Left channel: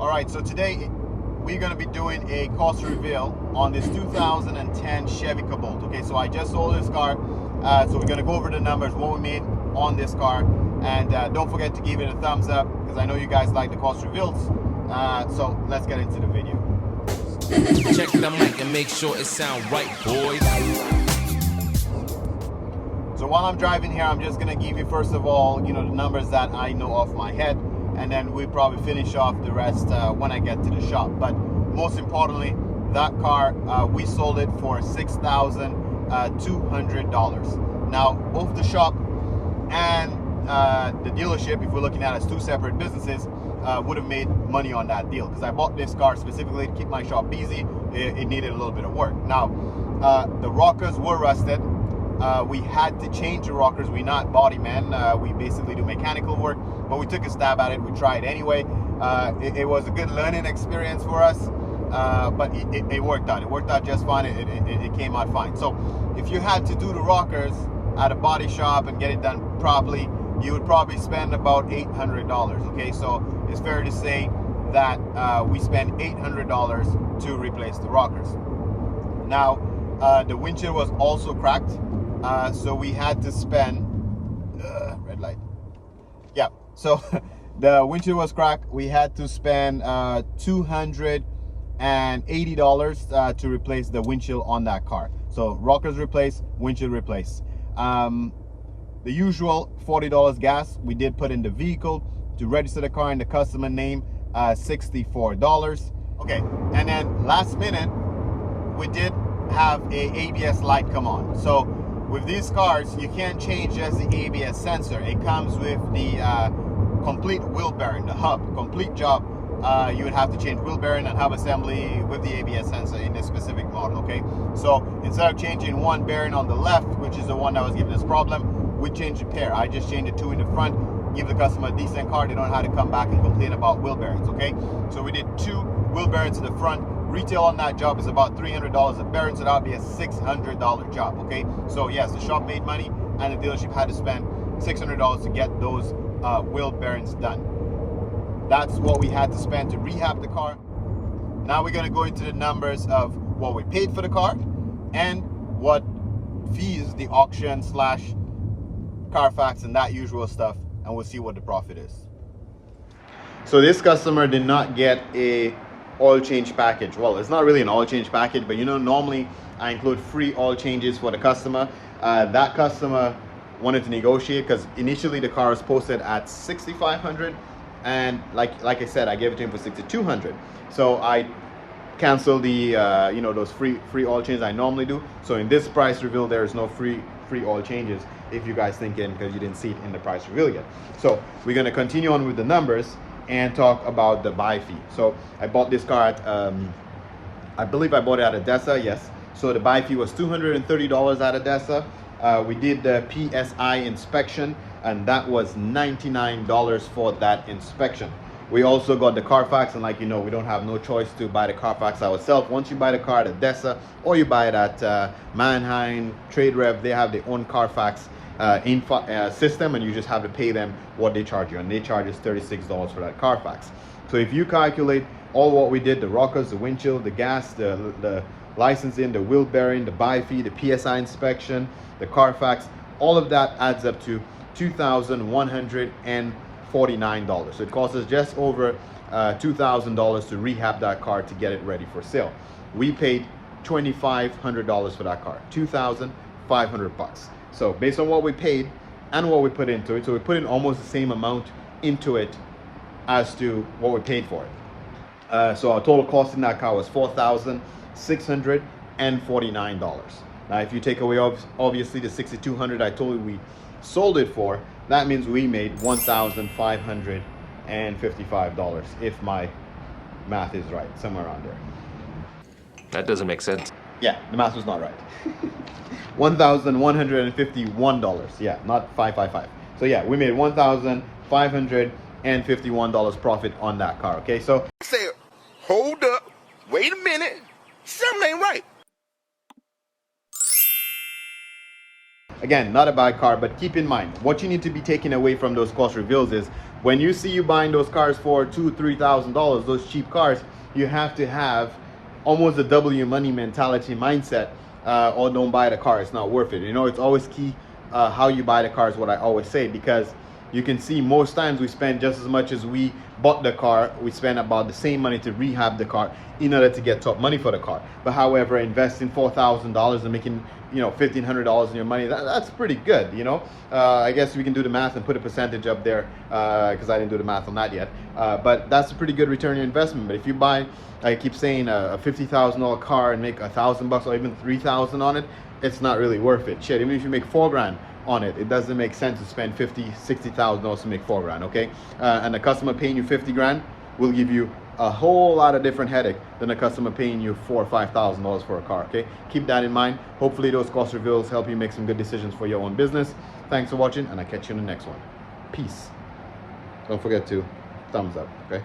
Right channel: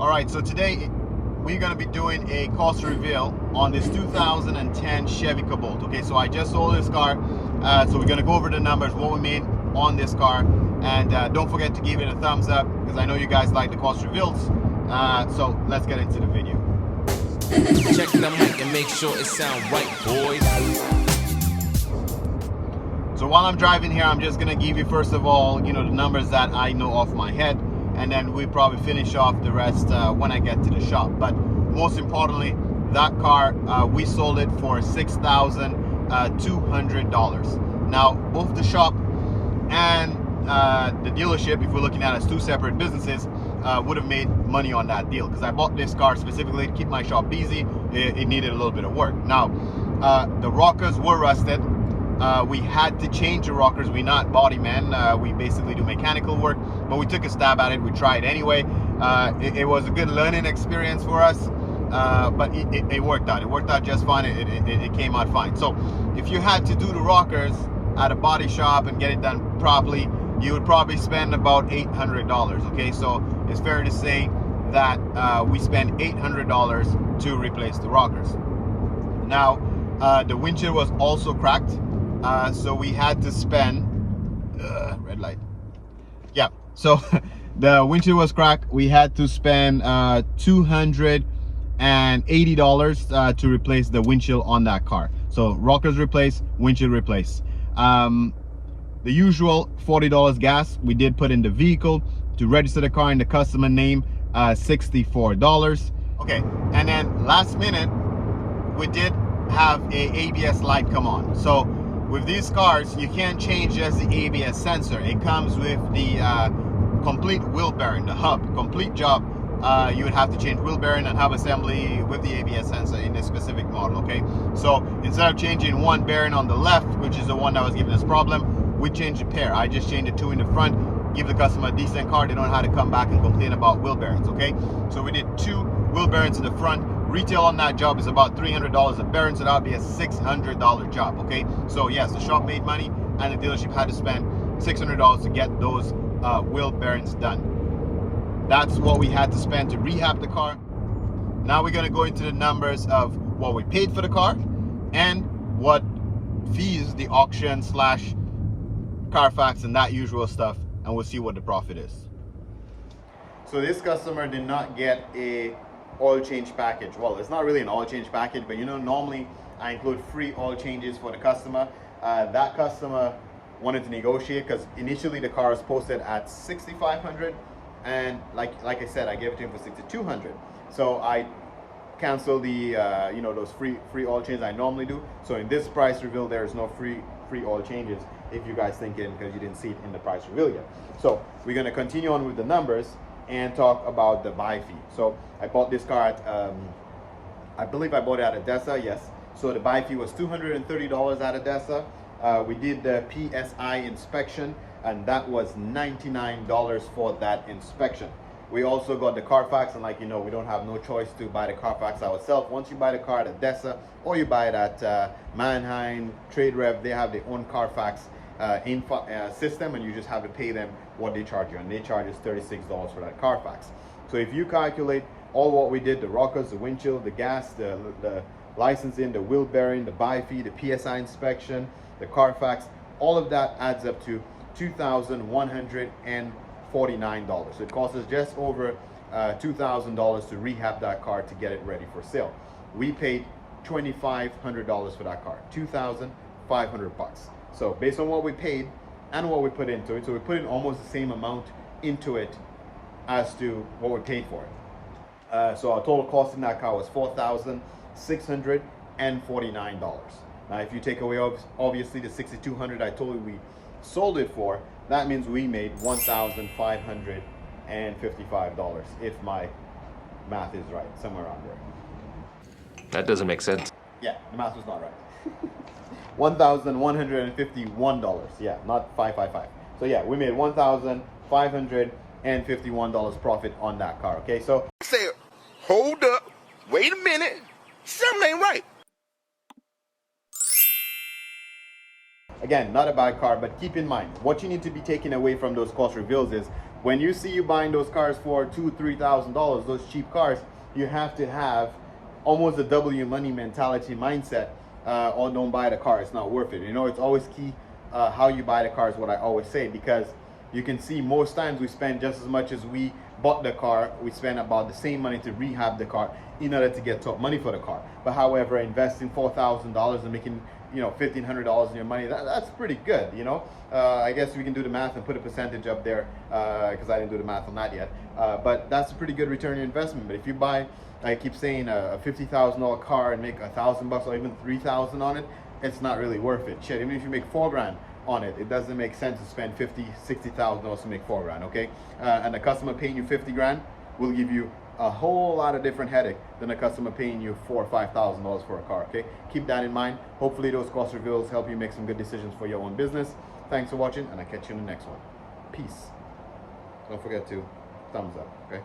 All right, so today we're going to be doing a cost reveal on this 2010 Chevy Cobalt. Okay, so I just sold this car, so we're going to go over the numbers, what we made on this car, and don't forget to give it a thumbs up because I know you guys like the cost reveals. So let's get into the video. Check the mic and make sure it sound right, boys. So while I'm driving here, I'm just going to give you first of all, the numbers that I know off my head, and then we probably finish off the rest when I get to the shop. But most importantly, that car, we sold it for $6,200. Now, both the shop and the dealership, if we're looking at it as two separate businesses, would have made money on that deal because I bought this car specifically to keep my shop busy. It needed a little bit of work. Now, the rockers were rusted. We had to change the rockers. We're not body men. We basically do mechanical work, but we took a stab at it. We tried anyway. It was a good learning experience for us, but it worked out. It worked out just fine. It came out fine. So if you had to do the rockers at a body shop and get it done properly, you would probably spend about $800. Okay, so it's fair to say that we spent $800 to replace the rockers. Now, the windshield was also cracked. So we had to spend red light. Yeah, so the windshield was cracked. We had to spend $280 to replace the windshield on that car. So rockers replaced, windshield replaced. The usual $40 gas we did put in the vehicle to register the car in the customer name, $64. Okay, and then last minute we did have a ABS light come on. So with these cars, you can't change just the ABS sensor. It comes with the complete wheel bearing, the hub, complete job. You would have to change wheel bearing and hub assembly with the ABS sensor in this specific model, okay? So instead of changing one bearing on the left, which is the one that was giving us problem, we changed a pair. I just changed the two in the front, give the customer a decent car. They don't have to come back and complain about wheel bearings, okay? So we did two wheel bearings in the front. Retail on that job is about $300 a bearing, so that would be a $600 job, okay? So yes, the shop made money and the dealership had to spend $600 to get those wheel bearings done. That's what we had to spend to rehab the car. Now we're gonna go into the numbers of what we paid for the car and what fees the auction slash Carfax and that usual stuff, and we'll see what the profit is. So this customer did not get a oil change package. Well, it's not really an oil change package, but normally I include free oil changes for the customer. That customer wanted to negotiate because initially the car was posted at $6,500, and like I said, I gave it to him for $6,200. So I canceled the those free oil changes I normally do. So in this price reveal, there is no free oil changes, if you guys thinking because you didn't see it in the price reveal yet. So we're going to continue on with the numbers and talk about the buy fee. So I bought this car at I believe I bought it at Adesa, yes. So the buy fee was $230 at Adesa. We did the PSI inspection, and that was $99 for that inspection. We also got the Carfax, and like we don't have no choice to buy the Carfax ourselves. Once you buy the car at Adesa or you buy it at Mannheim, Trade Rev, they have their own Carfax system, and you just have to pay them what they charge you, and they charge us $36 for that Carfax. So if you calculate all what we did, the rockers, the windshield, the gas, the licensing, the wheel bearing, the buy fee, the PSI inspection, the Carfax, all of that adds up to $2,149. So it costs us just over $2,000 to rehab that car to get it ready for sale. We paid $2,500 for that car, $2,500. So based on what we paid and what we put into it, so we put in almost the same amount into it as to what we paid for it. So our total cost in that car was $4,649. Now, if you take away obviously the $6,200 I told you we sold it for, that means we made $1,555, if my math is right, somewhere around there. That doesn't make sense. Yeah, the math was not right. $1,151, yeah, not 555. So yeah, we made $1,551 profit on that car. Okay, so Say, hold up, wait a minute, something ain't right. Again, not a bad car, but keep in mind, what you need to be taking away from those cost reveals is When you see you buying those cars for $2,000-3,000, those cheap cars, you have to have almost a W money mentality mindset, or don't buy the car. It's not worth it. You know, it's always key how you buy the car is what I always say, because you can see most times we spend just as much as we bought the car. We spend about the same money to rehab the car in order to get top money for the car. But however, investing $4,000 and making, you know, $1,500 in your money, that's pretty good, you know. I guess we can do the math and put a percentage up there, because I didn't do the math on that yet. But that's a pretty good return on your investment. But if you buy, I keep saying, a $50,000 car and make $1,000 or even $3,000 on it, it's not really worth it. Shit, even if you make $4,000 on it, it doesn't make sense to spend $50,000-$60,000 to make $4,000. Okay, and a customer paying you $50,000 will give you a whole lot of different headache than a customer paying you $4,000 or $5,000 for a car. Okay, keep that in mind. Hopefully those cost reveals help you make some good decisions for your own business. Thanks for watching, and I'll catch you in the next one. Peace. Don't forget to thumbs up. Okay.